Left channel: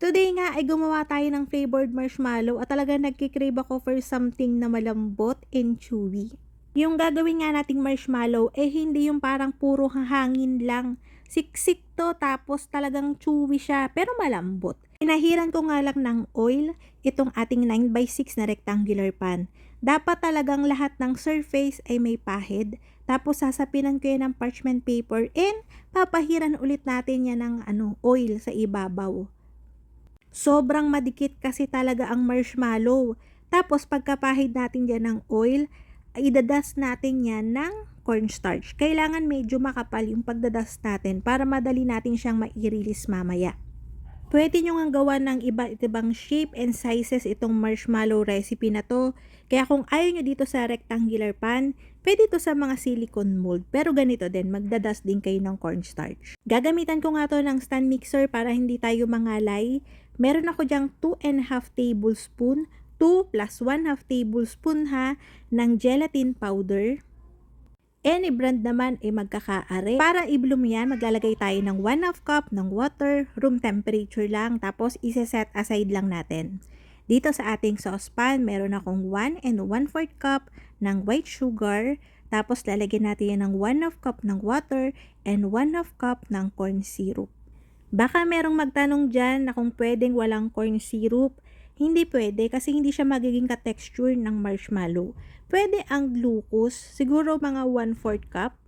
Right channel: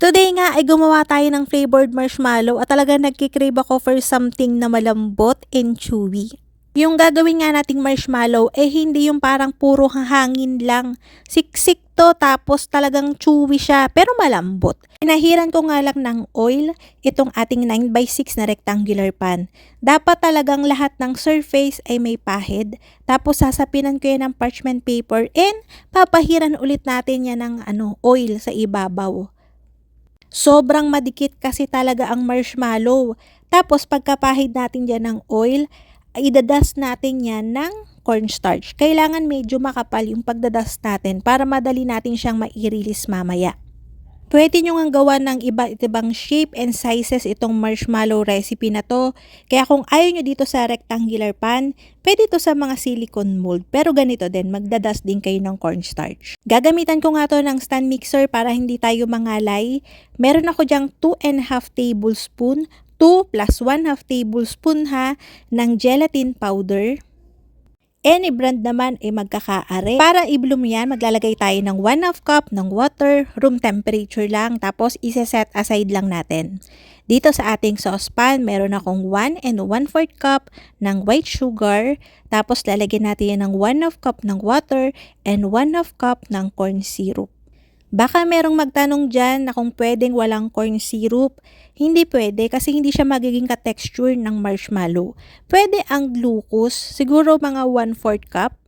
Today nga ay gumawa tayo ng flavored marshmallow at talaga nagkikrave ako for something na malambot and chewy. Yung gagawin nga nating marshmallow hindi yung parang puro hangin lang. Siksik to tapos talagang chewy siya pero malambot. Pinahiran ko nga lang ng oil itong ating 9x6 na rectangular pan. Dapat talagang lahat ng surface ay may pahid. Tapos sasapinan ko yan ng parchment paper and papahiran ulit natin yan ng oil sa ibabaw. Sobrang madikit kasi talaga ang marshmallow. Tapos pagkapahid natin dyan ng oil, idadust natin yan ng cornstarch. Kailangan medyo makapal yung pagdadust natin para madali natin siyang mai-release mamaya. Pwede nyo nga gawa ng iba't ibang shape and sizes itong marshmallow recipe na to. Kaya kung ayaw nyo dito sa rectangular pan, pwede to sa mga silicone mold. Pero ganito din, magdadust din kayo ng cornstarch. Gagamitan ko nga to ng stand mixer para hindi tayo mangalay. Meron ako dyang 2.5 tablespoon, 2 plus 1/2 tablespoon ng gelatin powder. Any brand naman ay magkakaare. Para i-bloom yan, maglalagay tayo ng 1/2 cup ng water, room temperature lang, tapos isa-set aside lang natin. Dito sa ating saucepan, meron akong 1 1/4 cup ng white sugar, tapos lalagyan natin yan ng 1/2 cup ng water and 1/2 cup ng corn syrup. Baka merong magtanong dyan na kung pwedeng walang corn syrup. Hindi pwede kasi hindi siya magiging ka-texture ng marshmallow. Pwede ang glucose, siguro mga 1/4 cup.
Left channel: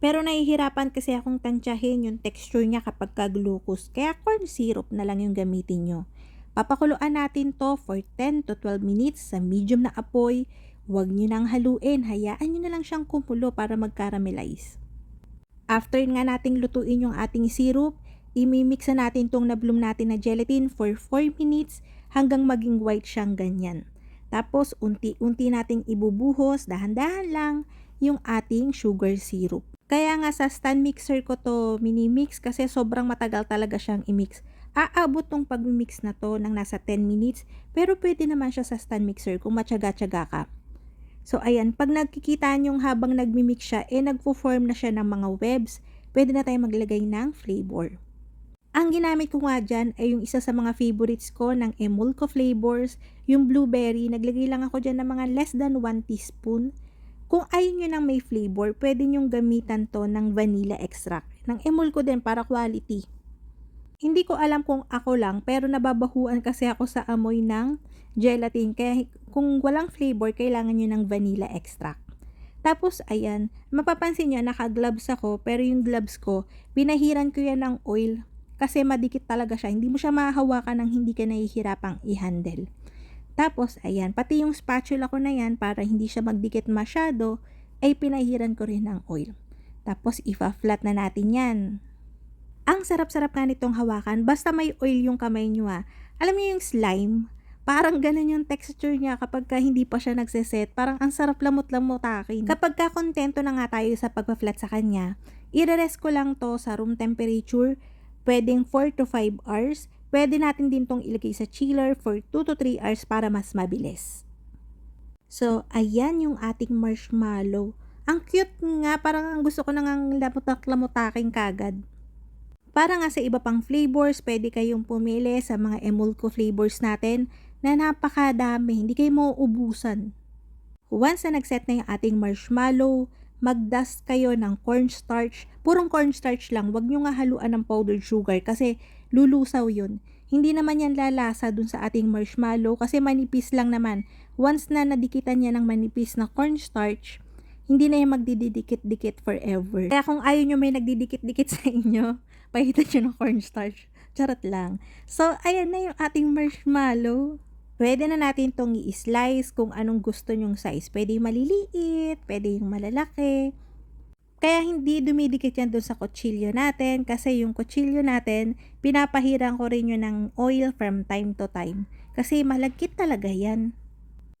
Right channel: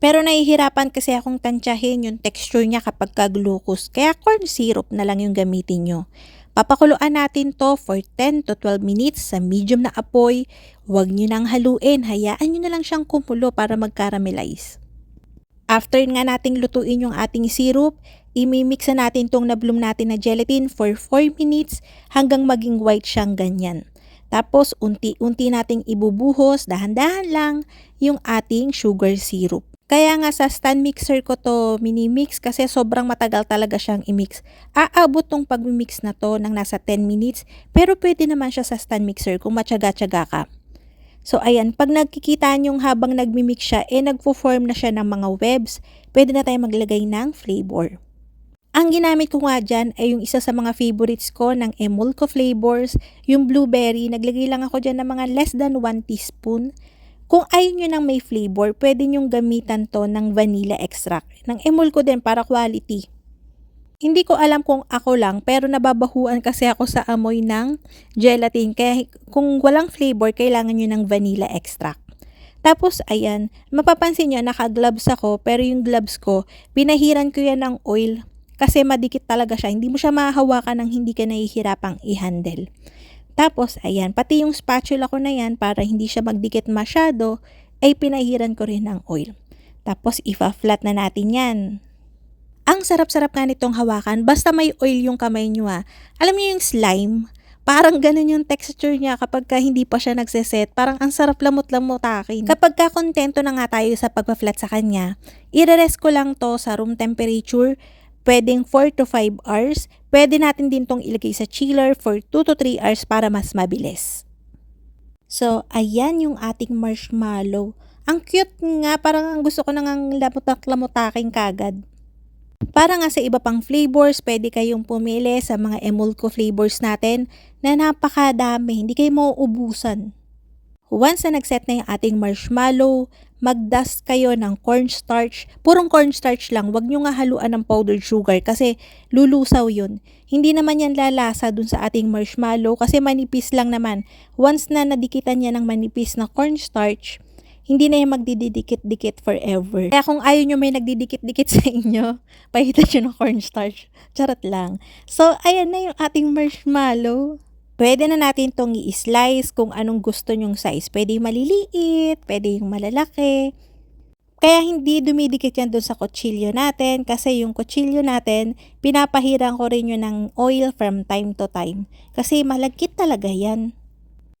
Pero nahihirapan kasi akong tansyahin yung texture niya kapag ka-glucose. Kaya corn syrup na lang yung gamitin nyo. Papakuluan natin to for 10 to 12 minutes sa medium na apoy. Huwag nyo nang haluin, hayaan nyo na lang siyang kumulo para mag-caramelize. After nga nating lutuin yung ating syrup, imimix na natin tong na-bloom natin na gelatin for 4 minutes hanggang maging white siyang ganyan. Tapos unti-unti nating ibubuhos, dahan-dahan lang yung ating sugar syrup. Kaya nga sa stand mixer ko to mini-mix kasi sobrang matagal talaga siyang i-mix. Aabot tong pag-mix na to ng nasa 10 minutes pero pwede naman siya sa stand mixer kung matyaga-tyaga ka. So ayan, pag nagkikita nyong habang nagmimix siya, nagpo-form na siya ng mga webs, pwede na tayo maglagay ng flavor. Ang ginamit ko nga dyan ay yung isa sa mga favorites ko ng Emulco flavors, yung blueberry. Naglagay lang ako dyan ng mga less than 1 teaspoon. Kung ayaw nyo ng may flavor, pwede nyong gamitan to ng vanilla extract. Ng Emulco din para quality. Hindi ko alam kung ako lang pero nababahuan kasi ako sa amoy ng gelatin. Kaya kung walang flavor, kailangan nyo ng vanilla extract. Tapos ayan, mapapansin nyo naka-gloves ako pero yung gloves ko, pinahiran ko yan ng oil kasi madikit talaga siya. Hindi mo siya mahahawakan ng hindi ka nahihirapang i-handle. Tapos ayan, pati yung spatula ko na yan para hindi siya magdikit masyado, ay pinahiran ko rin ng oil. Tapos ipa-flat na natin yan. Ang sarap-sarap nga nitong hawakan, basta may oil yung kamay nyo Alam niyo yung slime? Parang ganun yung texture niya kapag hindi pa siya nagseset. Parang ang sarap lamot-lamotakin. Kapag kontento na nga tayo sa pagpa-flat sa kanya, i-rest ko lang to sa room temperature. Pwedeng 4 to 5 hours. Pwede natin din tong ilagay sa chiller for 2 to 3 hours para mas mabilis. So, ayan yung ating marshmallow. Ang cute nga, parang ang gusto ko nang lamutak-lamutaking kagad. Para nga sa iba pang flavors, pwede kayong pumili sa mga Emulco flavors natin na napakadami, hindi kayo mauubusan. Once na nagset na yung ating marshmallow, mag-dust kayo ng cornstarch. Purong cornstarch lang, wag nyo nga haluan ng powdered sugar kasi lulusaw yun. Hindi naman yan lalasa dun sa ating marshmallow kasi manipis lang naman. Once na nadikitan niya ng manipis na cornstarch, hindi na yung magdidikit-dikit forever. Kaya kung ayaw nyo may nagdidikit-dikit sa inyo, pahitan nyo ng cornstarch. Charot lang. So, ayan na yung ating marshmallow. Pwede na natin itong i-slice kung anong gusto nyong size. Pwede yung maliliit, pwede yung malalaki. Kaya hindi dumidikit yan dun sa kutsilyo natin kasi yung kutsilyo natin, pinapahiran ko rin yun ng oil from time to time. Kasi malagkit talaga yan.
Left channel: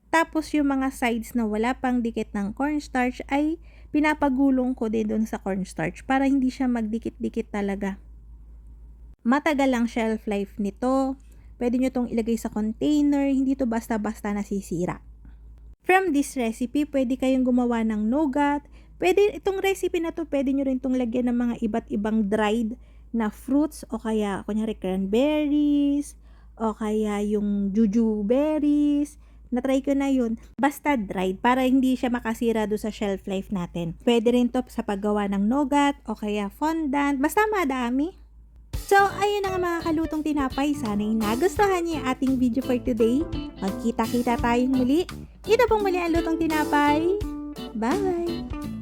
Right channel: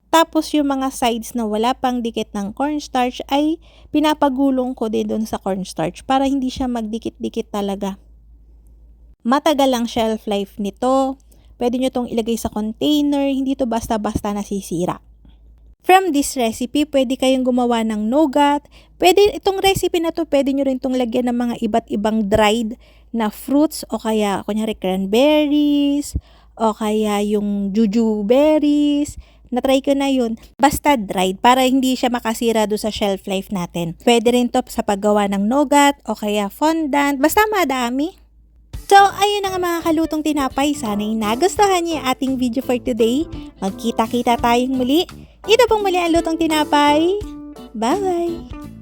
Tapos yung mga sides na wala pang dikit ng cornstarch ay pinapagulong ko din doon sa cornstarch para hindi siya magdikit-dikit talaga. Matagal ang shelf life nito. Pwede nyo tong ilagay sa container, hindi to basta-basta nasisira. From this recipe, pwede kayong gumawa ng nougat. Pwede itong recipe na to, pwede nyo rin tong lagyan ng mga iba't ibang dried na fruits o kaya kunyari cranberries o kaya yung juju berries. Na-try ko na yun. Basta dried para hindi siya makasira doon sa shelf life natin. Pwede rin to sa paggawa ng nougat o kaya fondant. Basta madami. So, ayun na nga mga kalutong tinapay. Sana'y nagustuhan niyo yung ating video for today. Magkita-kita tayong muli. Ito pong muli ang Lutong Tinapay. Bye!